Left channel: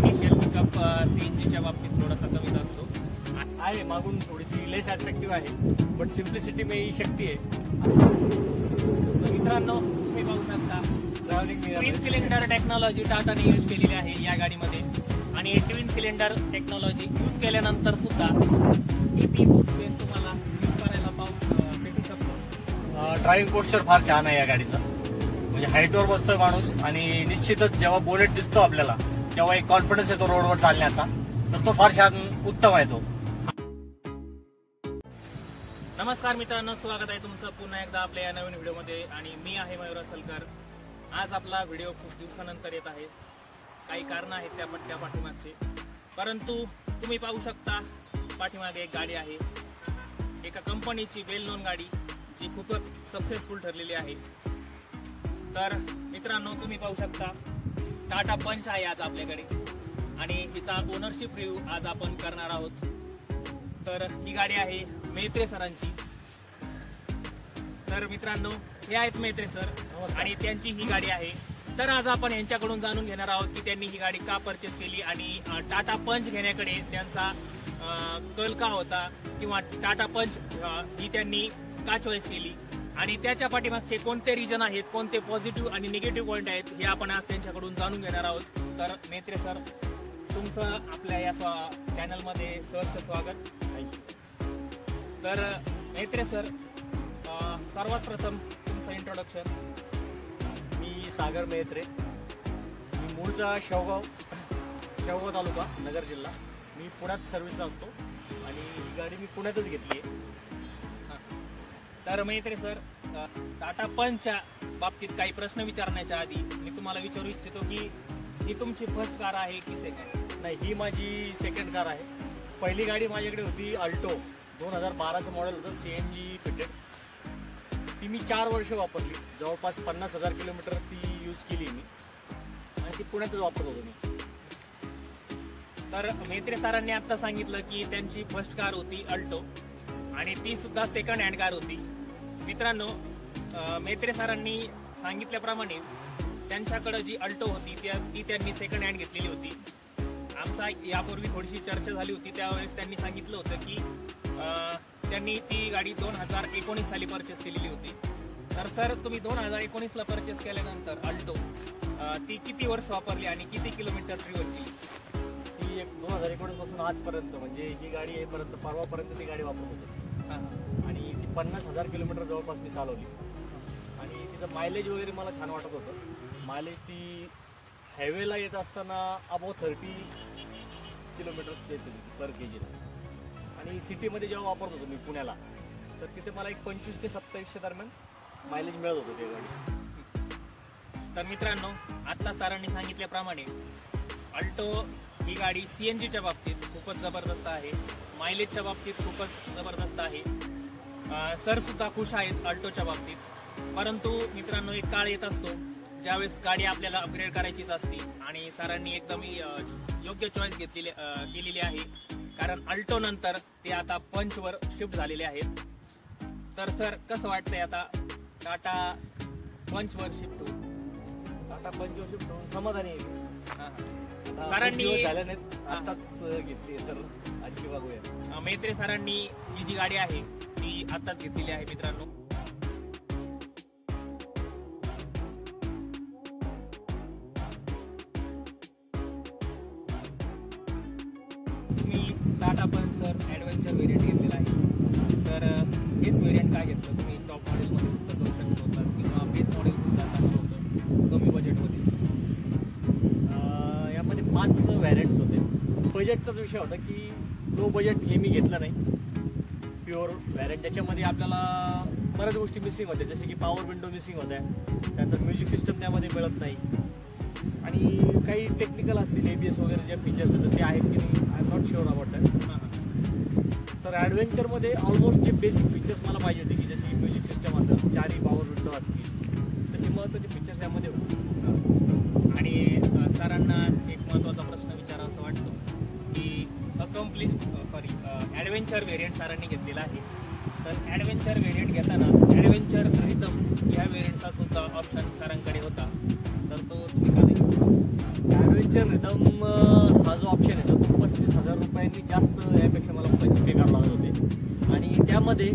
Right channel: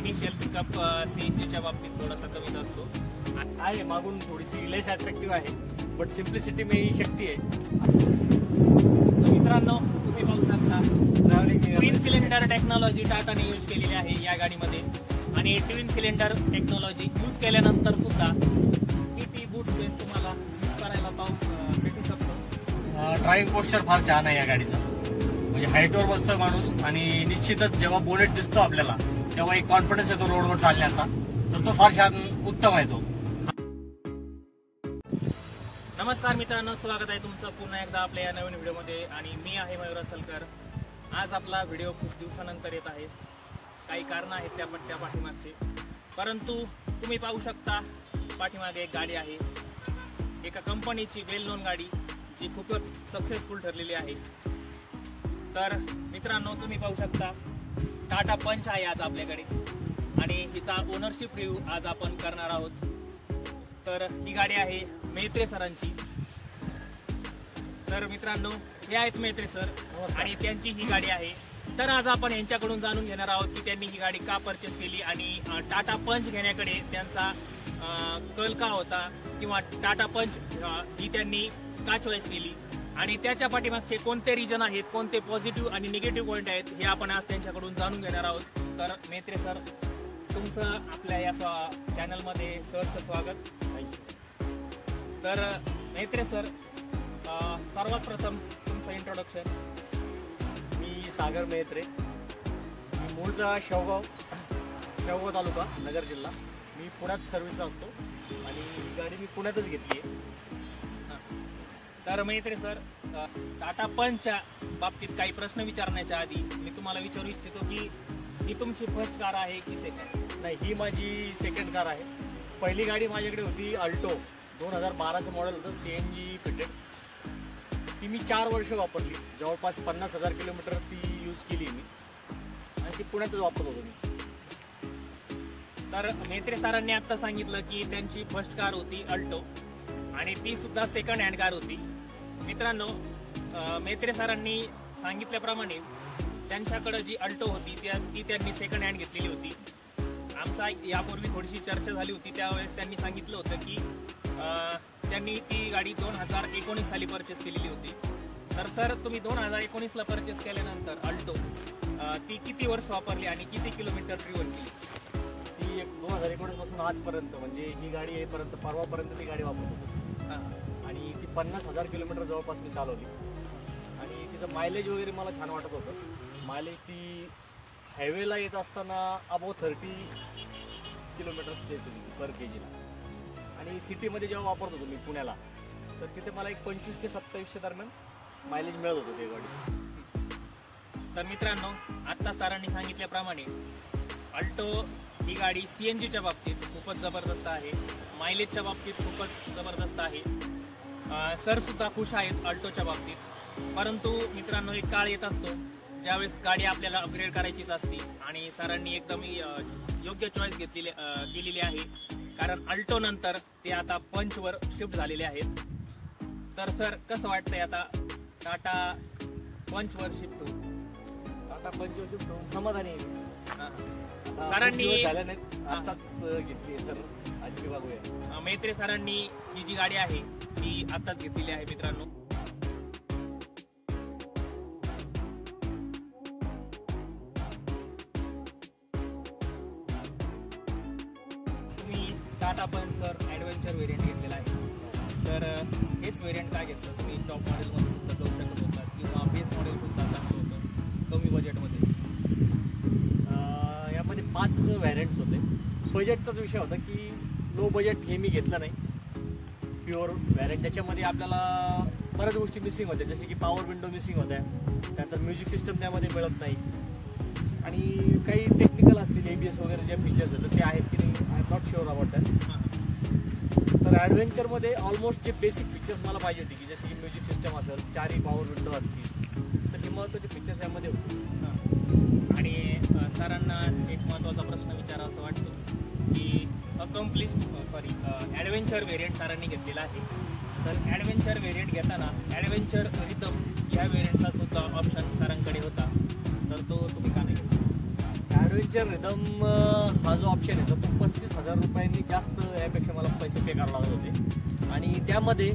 Initial pickup सीएनजीच्या बाबतीत थोडासा कमीच असतो आहे, मागून थोडीसी लेस अट्रॅक्टिव्ह आहे, बट सिम्प्लिसिटी में ही शक्ती आहे. मित्रांनो, तुम्ही पाहू शकता ट्विन सिलेंडर टेक्नॉलॉजी टाटाने यूज केलेली आहे या गाडीमध्ये. आणि ट्विन सिलेंडर टेक्नॉलॉजी यूज केल्यानंतर सुद्धा किती बूट स्पेस तुम्हाला यूज करायला भेटू शकतो. ड्रायव्हिंग पोस्चर फार छान आहे या गाडीचा. म्हणजे हाईटवर बसतोय माणूस आणि निश्चितच जेव्हा बोनेट दिसतो आपल्याला तेव्हा एक कॉन्फिडन्स येतो रोडवर चालण्याचा, तर तो फार छान उत्तम आहे तो. नमस्कार मित्रांनो, स्वागत आहे तुमचं पुन्हा एकदा आपल्या या नवीन व्हिडिओमध्ये. आणि मी आहे मयूर असलकर. आज आपला व्हिडिओ खूप दिवसानंतर येत आहे. काही कारण आहेत त्या पाठीमागचे, परंतु तुम्ही पाहू शकता पाठीमागे एक गाडी आहे, एका कंपनीची वेल नोन गाडी जी खूपच सक्सेसफुल ठरलेली आहे. तर मित्रांनो, तुम्ही पाहू शकता टाटा पंच आहे आज आपल्याकडे आणि हिचा ओनरशिप रिव्ह्यू आज आपण करणार आहोत. तर ही गाडी आहे मेत्रे सरांची. तर मित्रांनो, हे आहेत मेत्रे सर आणि त्यांची ही गाडी आहे. तर आज आपण यांच्याकडून जाणून घेणार आहोत की त्यांनी ही गाडी का परचेस केली आणि टाटा पंच घेण्याकडे त्यांचा कल का होता, किंवा टाटा पंच ही त्यांनी का चॉईस केली आणि त्याच्या पाठीमागचे कोणते रिजन आहेत, कोणते पॉझिटिव्ह आणि निगेटिव्ह पॉईंट आहेत, हे आपण आज त्यांच्याकडून जाणून घेणार आहोत. तर मेत्रे सर, तुमचं आपल्या या चॅनलमध्ये सहर्ष स्वागत. तर मेत्रे सर, सर्वात प्रथम तुमचं इंट्रोडक्शन. मी सागर मेत्रे, मी मूळचा शेवगाव तालुका, नगर जिल्हा. मी पुण्यात सर्व्हिसला असतो आणि ही गाडी मी पुण्यातच घेतली आहे. तर मेत्रे सर, टाटा पंचच्या बाबतीत काही प्रश्न विचारण्याच्या आधी मी तुम्हाला विचारू इच्छितो की ही तुमची फर्स्ट कार आहे की सेकंड? नाही, ही माझी सेकंड कार आहे. पहिली गाडी माझ्याकडे होती अल्टो, 2012चं मॉडेल होतं, सीएनजी फिटेड. ती मी 4 वर्ष वापरली, जवळपास 50,000 किलोमीटर ती यूज केली मी आणि ती पुण्यातच वापरत होतो मी. तर मेत्रे सरांनी आता सांगितलं की त्यांची फर्स्ट कार होती अल्टो आणि ती सुद्धा सेकंड हँड कार होती. मित्रांनो, मेत्रे सरांनी सांगितल्याप्रमाणे त्यांच्याकडे जी अल्टो होती ती त्यांनी सेकंड हँड घेतलेली होती. आमचा यापूर्वी थोडीशी चर्चा झाली होती, त्यावेळेस त्यांनी सांगितलं होतं की त्यांनी ती गाडी 2019 साली परचेस केलेली होती. तर सर, तुम्ही 2019ला परचेस केल्यानंतर अल्टो ती किती वर्ष वापरली आणि किती किलोमीटर ड्रिव्हन केली? ती 2019 पासून आजपर्यंत, म्हणजे ही गाडी येईपर्यंत परवापर्यंत ती गाडी वापरत होतो आणि ती 50,000 किलोमीटर जवळपास मी चालवली. आणि तिचं मायलेज वगैरे मला छान वाटत होतं. मायलेज ती हायवेला येत असताना अबाव 30 किलोमीटर्स देत होती पर केजीला. आणि सिटीमध्ये जेव्हा वापरत होतो मी पुण्याला, तर तिथे मला एक 25 ते 27 दरम्यान मायलेज मिळत होतं त्या गाडीचं. तर मित्रांनो, आता सरांनी सांगितल्याप्रमाणे अल्टो ही गाडी सीएनजीच्या बाबतीत खूपच जबरदस्त आहे, मायलेजच्या बाबतीत खूपच जबरदस्त आहे. सर सुद्धा खुश आहेत अल्टोच्या बाबतीत. परंतु मित्रांनो, एक काळ येत असतो ज्यावेळेस गाडी आपल्याला अपग्रेड करायचीच असते आणि सरांनी एकदम योग्य चॉईस केलेली आहे, कारण अल्टो नंतर ते आता पंचवर शिफ्ट झालेले आहेत. तर सर, कसं वाटतंय आता टाटा पंचवर शिफ्ट होऊन? टाटा पंचवर शिफ्ट होऊन समाधानी आहे. सरांनी आताच घेतली, तर आजची बघूया. मेत्रे सरांनी ही जी गाडी आहे ती आताच घेतलेली आहे. मित्रांनो, टाटा पंच सर ॲडव्हेंचर व्हेरियंट घेतलेला आहे. तर हेच व्हेरियंट काय घेतलं तुम्ही? टॉप मॉडेलमध्ये सुद्धा जाऊ शकत होता किंवा बेस मॉडेल सुद्धा चांगलं होतं कमी बजेटमध्ये. यामध्ये 5 व्हॅरियंट्स होते. बजेटचाच विषय होता की लो बजेट हे मी घेतलं नाही, प्युअर व्हॅरियंट. त्याच्यामध्ये आपल्याला बऱ्याच गोष्टी मिसिंग होत्या, जसे की पॉवर विंडो मिसिंग होत्या, त्यानंतर म्युझिक सिस्टम त्यामध्ये मिळत नाही आणि काही टेक्निकल असतील ABS वगैरे जे फीचर्स होते ते आहेत की नाही, I am not sure about that. तर ॲडव्हेंचरमध्ये ऑलमोस्ट जे बेसिक फीचर्स मला पाहिजे होते, की जसे की म्युझिक सिस्टम असेल, 4 पॉवर विंडो असतील, तर हे महत्त्वाचे फीचर्स यामध्ये होते. आणि सरांना एक महत्त्वाचा प्रश्न विचारा असं वाटतो की ॲडव्हेंचर व्हेरियंट सरांनी घेतलेला आहे. तर ॲडव्हेंचर व्हेरियंट घेताना ॲडव्हेंचर रिदम या व्हेरियंटचा सुद्धा ऑप्शन सरांकडे होता, तर तो तुम्ही का नाही? ॲडव्हेंचर रिदम हा जो ऑप्शन आहे तो 35,000 रुपयांनी जास्त यापेक्षा मला पैसे पे करावे लागत होते आणि त्यामध्ये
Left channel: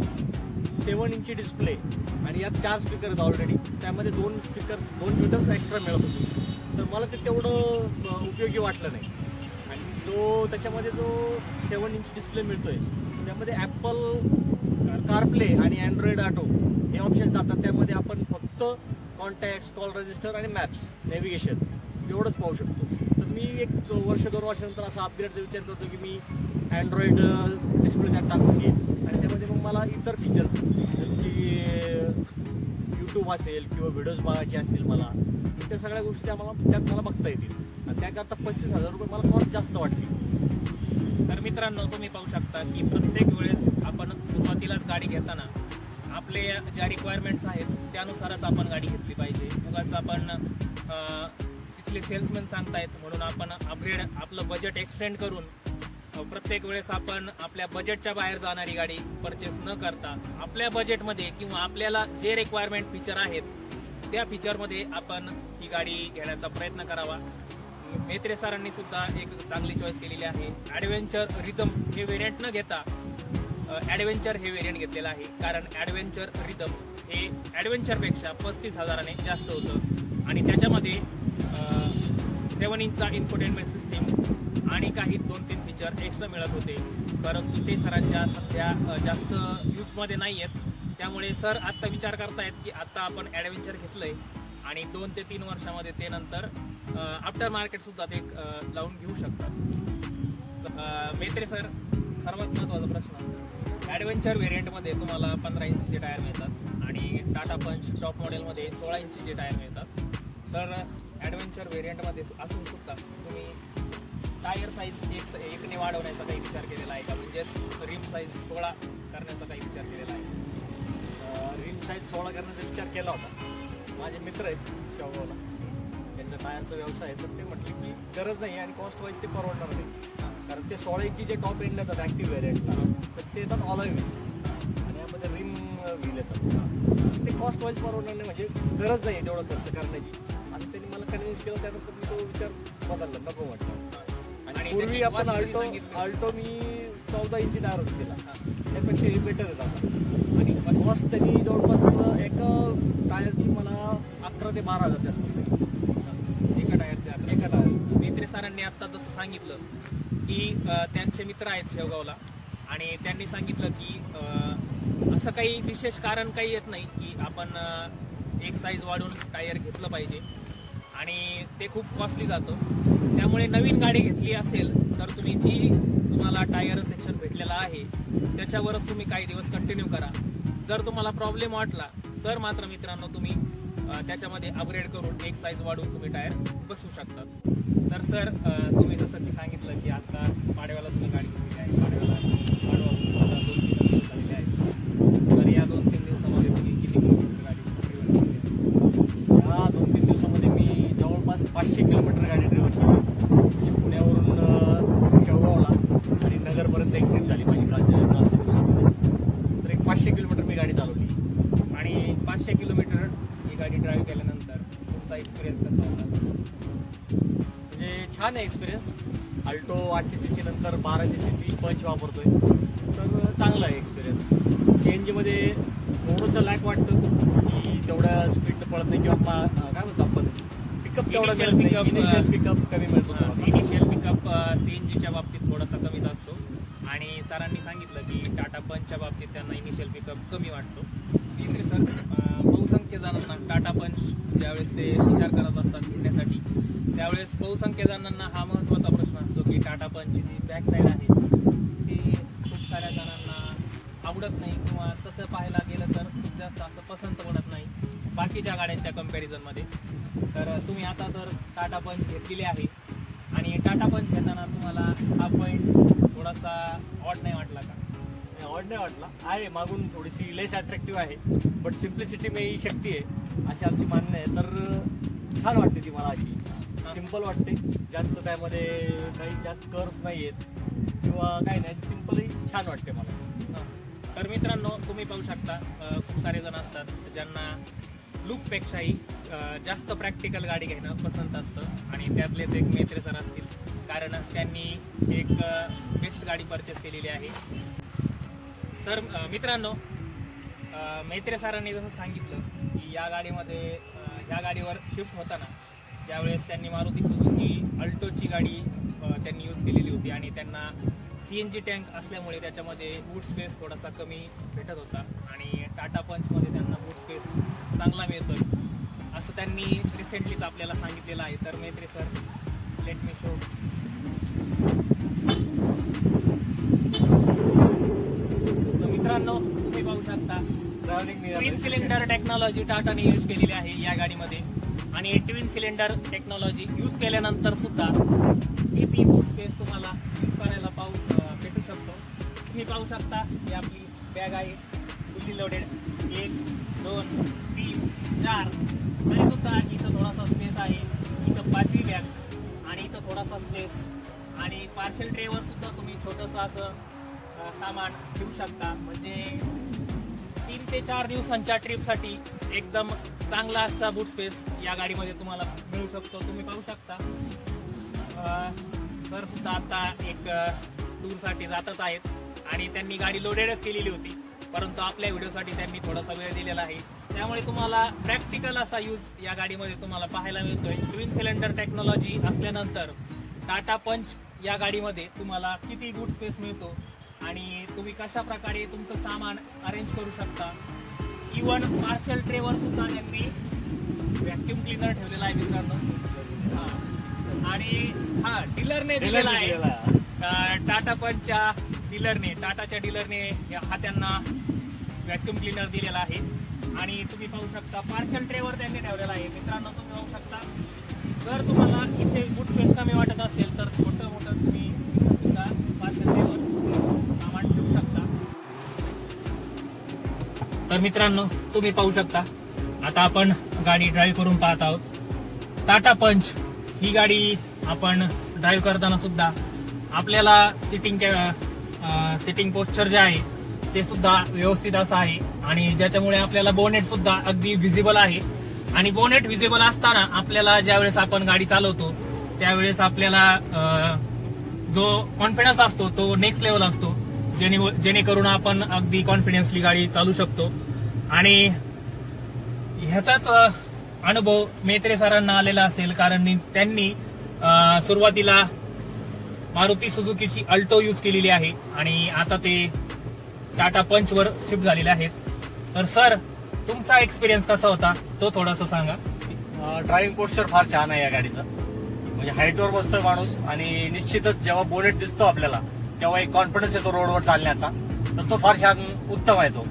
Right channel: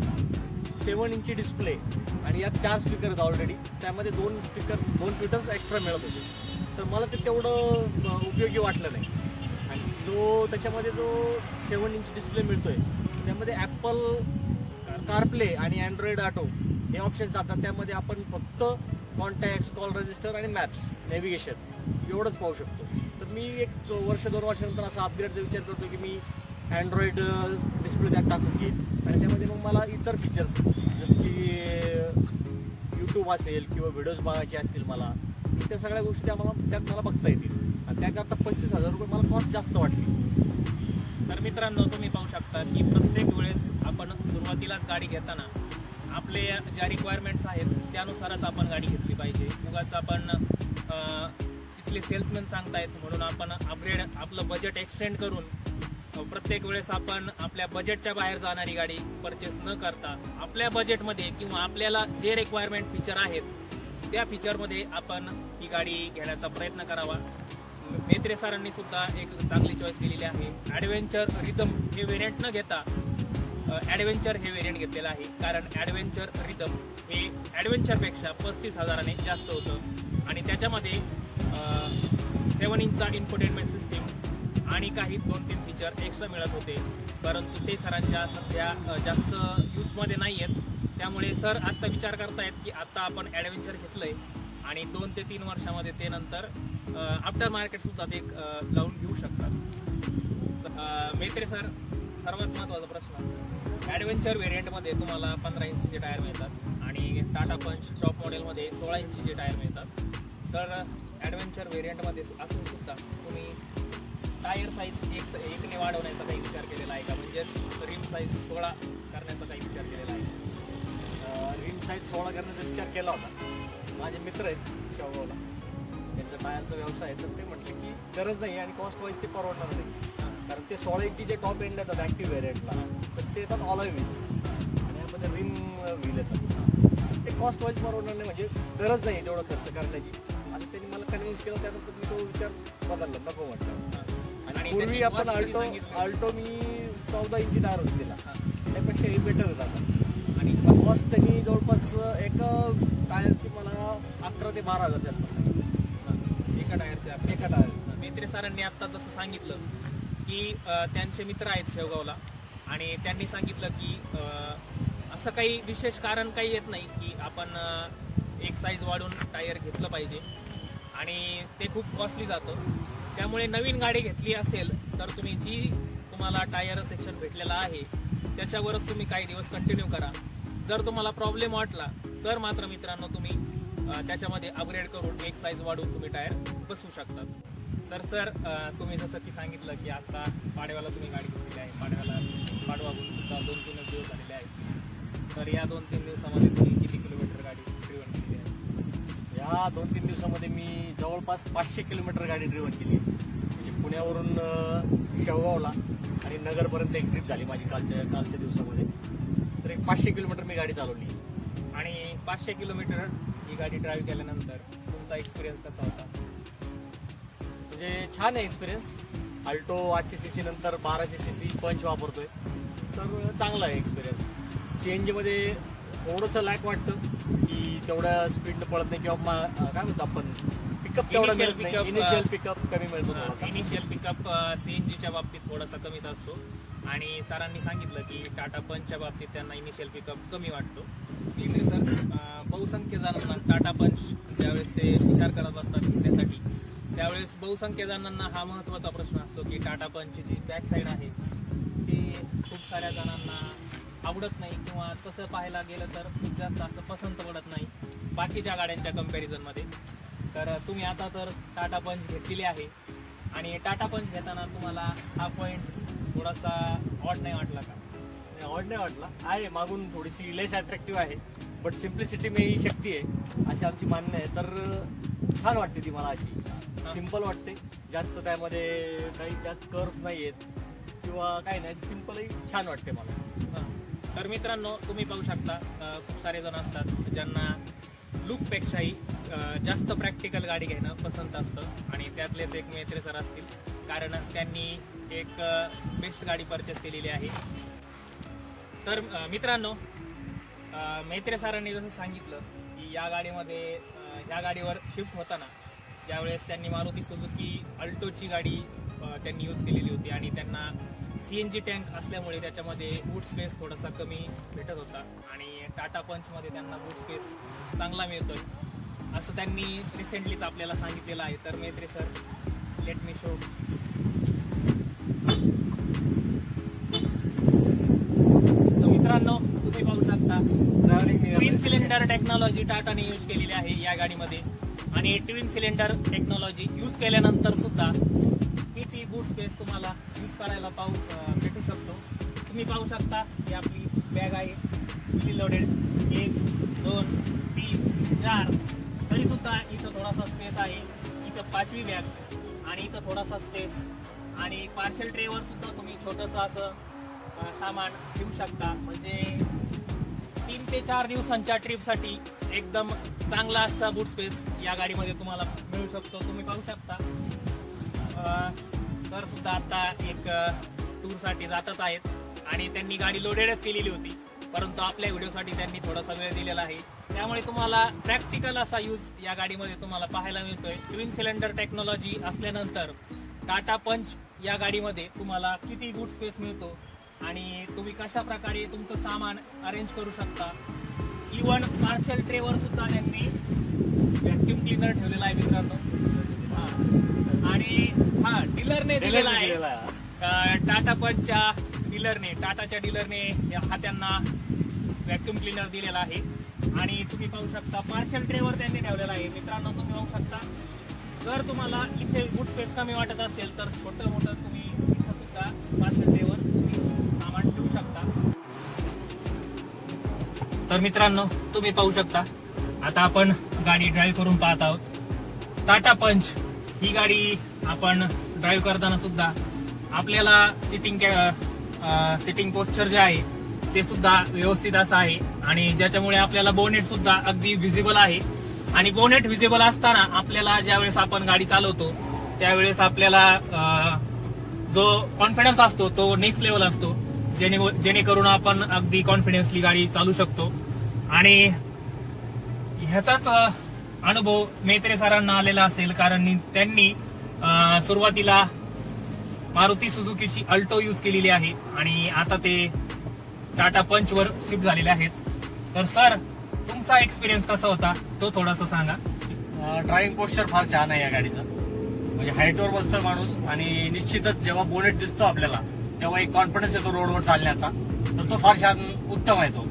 7 इंची डिस्प्ले आणि यात 4 स्पीकर आहेत ऑलरेडी. त्यामध्ये 2 ट्विटर्स एक्स्ट्रा मिळत होते. तर मला ते तेवढं उपयोगी वाटलं नाही. आणि त्याच्यामध्ये जो 7 इंच डिस्प्ले मिळतोय त्यामध्ये ॲपल कारप्ले आणि अँड्रॉइड ऑटो हे ऑप्शन्स जातात. त्यामध्ये आपण फक्त कॉन्टॅक्ट्स, कॉल रजिस्टर आणि मॅप्स, नेव्हिगेशन एवढंच पाहू शकतो. तर मी एक 1-2 वर्षानंतर असा अपग्रेडचा विचार करतो की मी अँड्रॉइड डिस्प्ले त्यात टाकून घेईन आणि त्यामध्ये मग मला इतर फीचर्स जसं की यूट्यूब असेल किंवा व्हिडिओज बघायचे असतील मला, त्या सगळ्या गोष्टी त्यात मला बघता येतील. आणि त्याकरता 35,000 रुपये मला कॉस्ट जास्त वाटली. तर मित्रांनो, तुम्ही पाहू शकता की प्रत्येक वेळेस आपण सुरुवातीलाच गाडी घेताना आपले ज्या रिक्वायरमेंट्स आहेत त्यानुसारच आपण गाडी घेतली पाहिजे. उगाच आपण तिथले सेल्समॅन सांगतायत म्हणून आपण अपग्रेड आपलं बजेट एक्सटेंड करून प्रत्येक वेळेस आपण आपल्या बजेटच्या बाहेर जाणारी गाडी परचेस न करता आपल्या बजेटमध्ये किंवा आपल्याला जे रिक्वायरमेंट फीचर आहेत त्या फीचरमध्ये आपण ही गाडी घेण्याचा प्रयत्न करावा. मेत्रे सरांनी सुद्धा एक चांगली चॉईस केलेली आहे. ॲडव्हेंचर रिदम हे व्हेरियंट न घेता ॲडव्हेंचर हे व्हेरियंट घेतलेलं आहे. कारण ॲडव्हेंचर रिदम हे ॲडव्हेंचरपेक्षा 35,000ने जास्त होतं आणि त्याच्यामध्ये 7 इंचचा इन्फोटेनमेंट सिस्टीम आणि काही 2-3 फीचर एक्स्ट्रा मिळत होते. परंतु ते सरांच्या सध्या जास्त यूजमध्ये नाही आहेत. त्यामुळे सर आत्ता विचार करतायत की आत्ता आपण ॲडव्हेंचर घेतलंय आणि 2 ते 3 वर्षामध्ये ते नंतर आफ्टर मार्केट सुद्धा ते लावून घेऊ शकतात. मेत्रे सर, सर्वात महत्त्वाचा प्रश्न, ॲडव्हेंचर व्हेरियंटमध्ये तुम्हाला 15 इंचचे टायर मिळतात आणि टाटा पंच टॉप मॉडेलमध्ये 16 इंचचे टायर मिळतात. तर ॲडव्हेंचर व्हेरियंटमध्ये असून सुद्धा तुम्ही टायर साईज एकने वाढवण्याचा काही विचार केलेला आहे का? म्हणजेच रिम साईज 16 करण्याचा काही विचार केलेला आहे? रिम साईज 16 करण्याचा विचार केला होता. माझे मित्र आहेत शेवगावला, त्यांचा टायरचा व्यवसाय आहे. तर ते म्हटले की गरज नाही आणि कॉस्ट वाईज ते परवडणार नाही. कारण ते 16 इंची जे टॉप एंड येतात ॲक्टिव्ह व्हेरियंटला, तर ते येतात ऑलॉय व्हील्स आणि यामध्ये रिम व्हील येतात. ते कॉस्ट वाईज परवडणार नाही, म्हणजे गरज नाही तेवढा खर्च करण्याची. आणि त्यांनी मला कन्व्हिन्स केलं. त्यानंतर मी तो विचार बदलला, नको म्हटलं. आणि पूर्वी आपण अल्टो मी 14 इंची टायर घेतलेला, त्यापेक्षा हे बेटर येतात. आणि कॉस्ट त्यांनी जवळपास एका टायरची मला 11 ते 12,000 आसपास एका टायर. मेत्रे सरांनी आता जसं सांगितलं की त्यांचे मित्र आहेत शेवगावला आणि त्यांनी सांगितलं की असं काही विशेष कारण काही येत नाही की आपण एक साईज वाढून टायर घेतलं पाहिजे आणि ते खूप कॉस्टली जातं. त्यामुळे नवीन गाडी घेतली असेल तर तुम्ही जी तुम्हाला टायर सेक्शन भेटलेला आहे त्याच्यावरच तुम्ही काही दिवस कंटिन्यू करा. जर तुम्हाला प्रॉब्लेम वाटला तर मात्र मित्रांनो तुम्ही त्याच्यामध्ये अपग्रेड करून एक साईज वाढवून तुम्ही टायर बसवू शकतात. तर सर, तुम्ही जसं की सांगितलं की आता पाडव्याला तुम्ही गाडी घेतलेली आहे. पाडवा आता 2-3 दिवस झालेले आहेत. तर या 2-3 दिवसामध्ये तुम्ही किती किलोमीटर गाडी ड्रिव्हन केली आहे? या 2-3 दिवसामध्ये मी जवळपास 500 किलोमीटर गाडी ड्रिव्हन केली. म्हणजे पुण्यावरून शेवगावला आणि नगरपर्यंत एक ट्रिप झाली माझी कालच्या दिवसामध्ये. तर एक 500 किलोमीटर मी गाडी चालवली. आणि 500 किलोमीटर ही गाडी ड्राईव्ह केल्यानंतर तुमचा एक्सपिरियन्स कसा होता? म्हणजे छान आहे एक्सपिरियन्स. अल्टो 800cc नंतर 1200cc पंच वापरतोय, तर चांगला आहे एक्सपिरियन्स. CNGमध्ये थोडंसं लॅक वाटतं की तेवढ्या स्पीड पळत नाही किंवा काय म्हणतो आपण पिकअप तेवढा मिळत नाही. इनिशियल पिकअप कमी मिळतो थोडासा. इनिशियल पिकअप CNGच्या बाबतीत थोडासा कमीच असतो आणि सरांनी सांगितलं की टाटा पंचच्या बाबतीत त्यांना इनिशियल पिकअप कमी वाटतो. मेत्रे सर, बहुसंख्य जणांना टाटा पंच ज्यावेळेस ते विचार करत असतात घेण्यासाठी त्यावेळेस बहुसंख्य जणांना हा महत्त्वाचा प्रश्न असतो की टाटा पंचची जी बॅक साईड आहे ती खूप साऱ्या जणांना आवडत नाही किंवा तसं पाहायला गेलं तर खूप जास्त असं पसंत पडत नाही बाकीच्या गाड्यांच्या कंपॅरिझनमध्ये. तर तुम्ही आता तर टाटा पंच घेतलेली आहे आणि टाटा पंच घेताना तुम्हाला हा पॉईंट थोडासा ऑड नाही वाटला का? ऑड नाही वाटला. आहे मागून थोडीशी लेस अट्रॅक्टिव्ह आहे, बट सिम्प्लिसिटी में ही शक्ती आहे अशी आमची मान्य आहे. तर छान वाटते ती मला. अशी सिम्पल वाटते, जास्त त्यामध्ये काही जास्त कर्व्ह नाही आहेत किंवा काही नाही, सिम्पलही छान वाटते मला. तर मित्रांनो, तुम्ही पाहू शकता खूप सारे जण असतात ज्यांना लुकपेक्षाही जास्त प्रॅक्टिकल गाडी घेणं पसंत असतं आणि त्यातलेच एक मेत्रे सर असतील, कारण त्यांनी एक बेस्ट गाडी परचेस केलेली आहे. तर मित्रांनो, मेत्रे सरांनी जसं सांगितलं की या गाडीमध्ये ह्या गाडीवर शिफ्ट होताना ज्यावेळेस त्यांनी मारुती सुझुकी अल्टोची गाडी त्यांनी यूज केलेली होती आणि त्यांना CNG टँक असल्यामुळे त्याच्यामध्ये बूट स्पेस थोडासा कमी भेटत होता आणि टाटा पंचमध्ये त्यांना बूट स्पेस चांगला मिळतोय असं त्यांनी रिसेंटलीच आपल्याला सांगितलेलं आहे. तर मेत्रे सर, लेट मी शो. मित्रांनो, तुम्ही पाहू शकता ट्विन सिलेंडर टेक्नॉलॉजी टाटाने यूज केलेली आहे या गाडीमध्ये आणि ट्विन सिलेंडर टेक्नॉलॉजी यूज केल्यानंतर सुद्धा किती बूट स्पेस तुम्हाला यूज करायला भेटू शकतो. तुम्ही पाहू शकता ही आपली बॅग आहे फुल्ली लोडेड, 1 2 3 4, तरी सुद्धा इथं थोडासा स्पेस आहे. इथं 5वी बॅग आणि इथं थोडासा स्पेस आणि पार्सल ट्रेवर सुद्धा तुम्ही छोटंसं असं सामान ठेवू शकता. म्हणजे 3 ते 4 दिवसांच्या ट्रिपसाठी एकदम चांगला असा बूट स्पेस या गाडीमध्ये तुम्हाला मिळू शकतो. तुम्ही पाहू शकता सर सुद्धा आता एक टूरसाठी जातच आहेत आणि त्यांनी गाडी लोडेडच केलेली होती, परंतु आपल्या व्हिडिओसाठी त्यांनी थोडासा वेळ दिलेला आहे, त्यामुळे तुम्हाला प्रॅक्टिकल असा यूज या गाडीमध्ये तुम्हाला पाहायला मिळतोय. ट्विन सिलेंडर टेक्नॉलॉजी असल्यानंतर टाटा पंच या गाडीमध्ये तुम्हाला किती बूट स्पेस मिळतो आणि तुम्ही कशा प्रकारे तुमचं सामान अरेंज करू शकता. इव्हन पार्सल ट्रेवर सुद्धा त्यांनी व्हॅक्युम क्लिनर ठेवलेला आहे मित्रांनो. आणि डीलरने दिलेला आहे, टाटा पंचच्या टाटाच्या डीलरने हा त्यांना व्हॅक्युम क्लिनर दिलेला आहे आणि तुम्ही पाहू शकता पार्सल ट्रेवर त्यांनी ठेवलेला आहे. मित्रांनो, तुम्ही पाहू शकता जर तुम्हाला इथे बूट स्पेस कमी वाटत असेल तर छोटं मोठं तुम्ही इथं सुद्धा पार्सल ट्रेवर सामान ठेवू शकता. तर मित्रांनो, तुम्ही पाहू शकता आता आपण गाडी ड्राईव्ह करून पाहत आहोत. टाटा पंच ही गाडी आपण ड्राईव्ह करताना सुद्धा आपल्याला सिटिंग पोस्चर जे आहे ते सुद्धा व्यवस्थित असं आहे आणि ज्याच्यामुळे आपल्याला बोनेट सुद्धा अगदी व्हिजिबल आहे. आणि बोनेट व्हिजिबल असताना आपल्याला ज्यावेळेस आपण गाडी चालवतो त्यावेळेस आपल्याला जो कॉन्फिडन्स असतो तो नेक्स्ट लेवल असतो, जेणेकरून आपण अगदी कॉन्फिडन्सली गाडी चालू शकतो. आणि ह्याचाच अनुभव मेत्रे सरांना आलेला असेल, कारण त्यांनी सुरुवातीला मारुती सुझुकीची अल्टो यूज केलेली आहे आणि आता ते टाटा पंचवर शिफ्ट झालेले आहेत. तर सर, तुमचा एक्सपिरियन्स कसा होता तो थोडासा सांगा. ड्रायव्हिंग पोस्चर फार छान आहे या गाडीचं. म्हणजे हाईटवर बसतोय माणूस आणि निश्चितच जेव्हा बोनेट दिसतो आपल्याला तेव्हा एक कॉन्फिडन्स येतो रोडवर चालण्याचा, तर तो फार छान उत्तम आहे. तो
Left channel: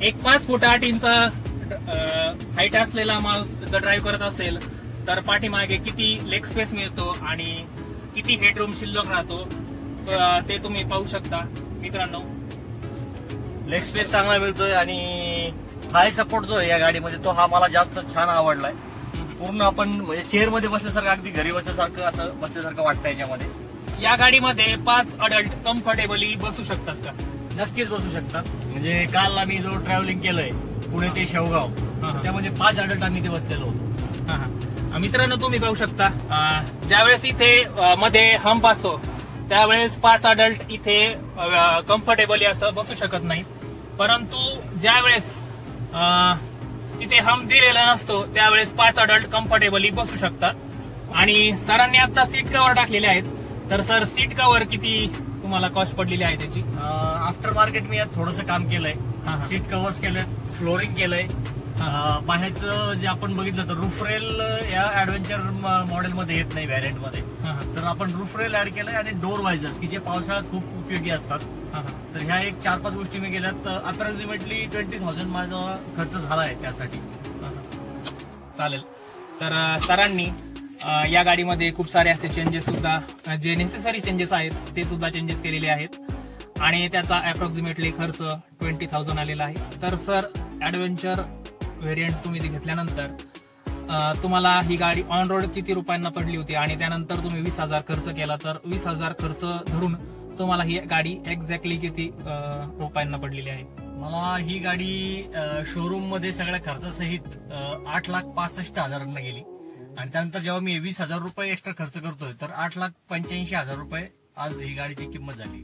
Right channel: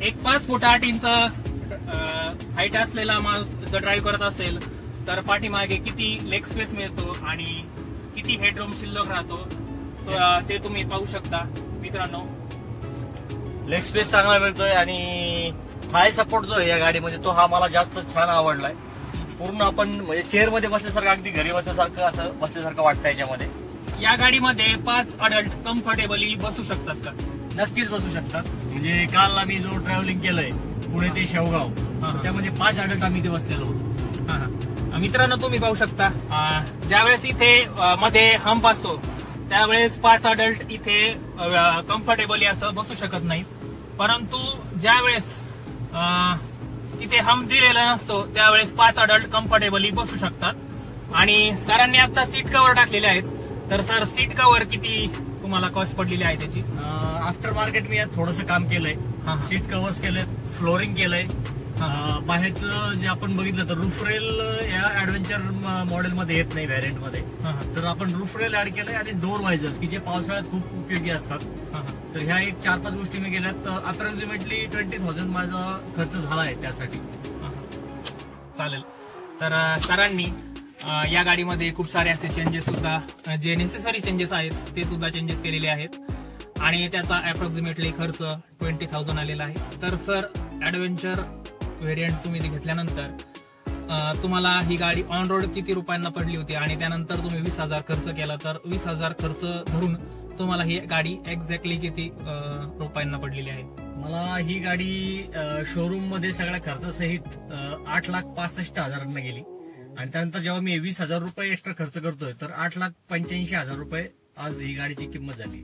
एक 5 फूट 8 इंच हाईट असलेला माणूस जर ड्राईव्ह करत असेल तर पाठीमागे किती लेग स्पेस मिळतो आणि किती हेडरूम शिल्लक राहतो ते तुम्ही पाहू शकता मित्रांनो. लेग स्पेस चांगला मिळतोय आणि थाय सपोर्ट जो आहे या गाडीमध्ये तो हा मला जास्त छान आवडलाय. पूर्ण आपण म्हणजे चेअर मध्ये बसल्यासारखं, अगदी घरी बसल्यासारखं असं बसल्यासारखं वाटतं याच्यामध्ये. या गाडीमध्ये 5 अडल्ट कम्फर्टेबली बसू शकतात का? नक्कीच बसू शकतात. म्हणजे काल आम्ही जो ट्रॅव्हलिंग केलंय पुणे ते शेवगाव, त्यामध्ये 5 अडल्ट आम्ही इथे बसलेलो होतो. मित्रांनो, तुम्ही पाहू शकता ज्यावेळेस इथे मध्ये हंप असतो त्यावेळेस 5 अडल्ट इथे कम्फर्टेबली असं बसू शकत नाही, परंतु ज्यावेळेस इथे हंप दिलेला नसतो त्यावेळेस 5 अडल्ट कम्फर्टेबली बसू शकतात. आणि सरांनी आता सीट कव्हर टाकलेले आहेत. तर सर, सीट कव्हर किती तुम्हाला कॉस्ट पडलेली आहे त्याची? आफ्टर मार्केट मी यात थोडंसं काम केलंय. सीट कव्हर्स केलंय, फ्लोरिंग केलंय. बाहेरचं जे आपण बघितलं तर रूफ रेल या ऍडव्हेंचर मॉडेलमध्ये येत नाही, व्हॅरियंट मध्ये. तर आपण रूफ रेल ऍड केलंय आणि डोर वायझर्स की जे पावसाळ्यात खूप उपयोगी असतात. तर ह्या एक 4-5 गोष्टी मी केल्यात. अप्रॉक्सिमेटली 20,000 माझा खर्च झाला आहे त्यासाठी. चालेल. तर सरांनी या गाडीमध्ये खूप सारे असे चेंजेस सुद्धा, जे नेसेसरी चेंजेस आहेत ते सुद्धा चेंजेस केलेले आहेत आणि त्याचा अप्रॉक्सिमेटली खर्च 20,000 आलेला आहे. तर सर, ऍडव्हेंचर व्हेरियंट तुम्ही घेतल्यानंतर तुम्हाला ही गाडी ऑन रोड किती रुपयांना पडली होती आणि त्यानंतर तुम्ही 20,000 खर्च केला, तर 20,000 खर्च धरून तुम्हाला ही गाडी एक्झॅक्टली किती रुपयांना पडलेली आहे? मला ही गाडी शोरूम मध्ये सगळ्या खर्चासहित 8,65,000 गेली आणि त्यानंतर जेव्हा मी 20,000 रुपये एक्स्ट्रा खर्च करतोय तर 8,85,000 रुपये आज ही गाडीची किंमत झाली.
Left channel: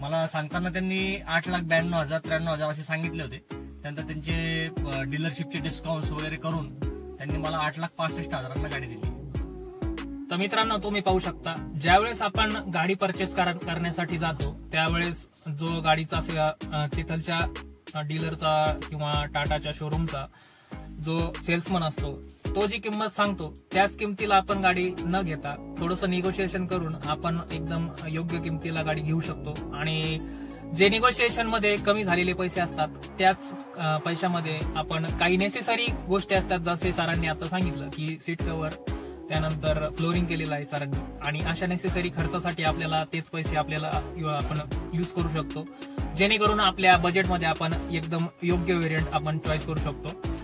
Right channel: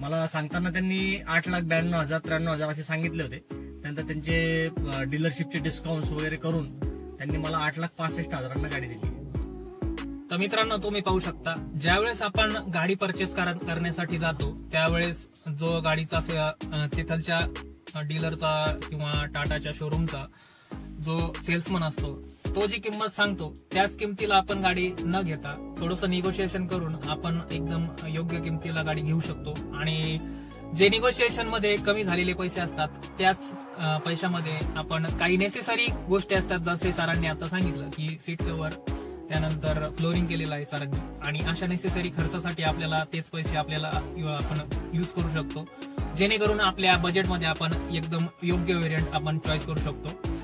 मला सांगताना त्यांनी 8,92,000 93,000 असे सांगितले होते. त्यानंतर त्यांचे डीलरशिपचे डिस्काउंट वगैरे करून त्यांनी मला 8,65,000 गाडी दिली. तर मित्रांनो, तुम्ही पाहू शकता, ज्यावेळेस आपण गाडी परचेस करण्यासाठी जातो त्यावेळेस जो गाडीचा तिथलच्या डीलरचा किंवा टाटाच्या शोरूमचा जो सेल्समन असतो तो जी किंमत सांगतो त्याच किमतीला आपण गाडी न घेता थोडंसं निगोशिएशन करून आपण एकदम योग्य किमतीला गाडी घेऊ शकतो. आणि जे निगोशिएशन मध्ये कमी झालेले पैसे असतात त्याच पैशामध्ये आपण काही नेसेसरी गोष्टी असतात, जसे सरांनी आता सांगितलं की सीट कव्हर, त्यानंतर फ्लोरिंग केलेलं आहे सरांनी, आणि अशा नेसेसरी खर्चासाठी आपल्याला तेच पैसे आपल्याला आपण यूज करू शकतो, जेणेकरून आपल्या बजेटमध्ये आपण एकदम योग्य व्हेरियंट आपण चॉईस करू शकतो.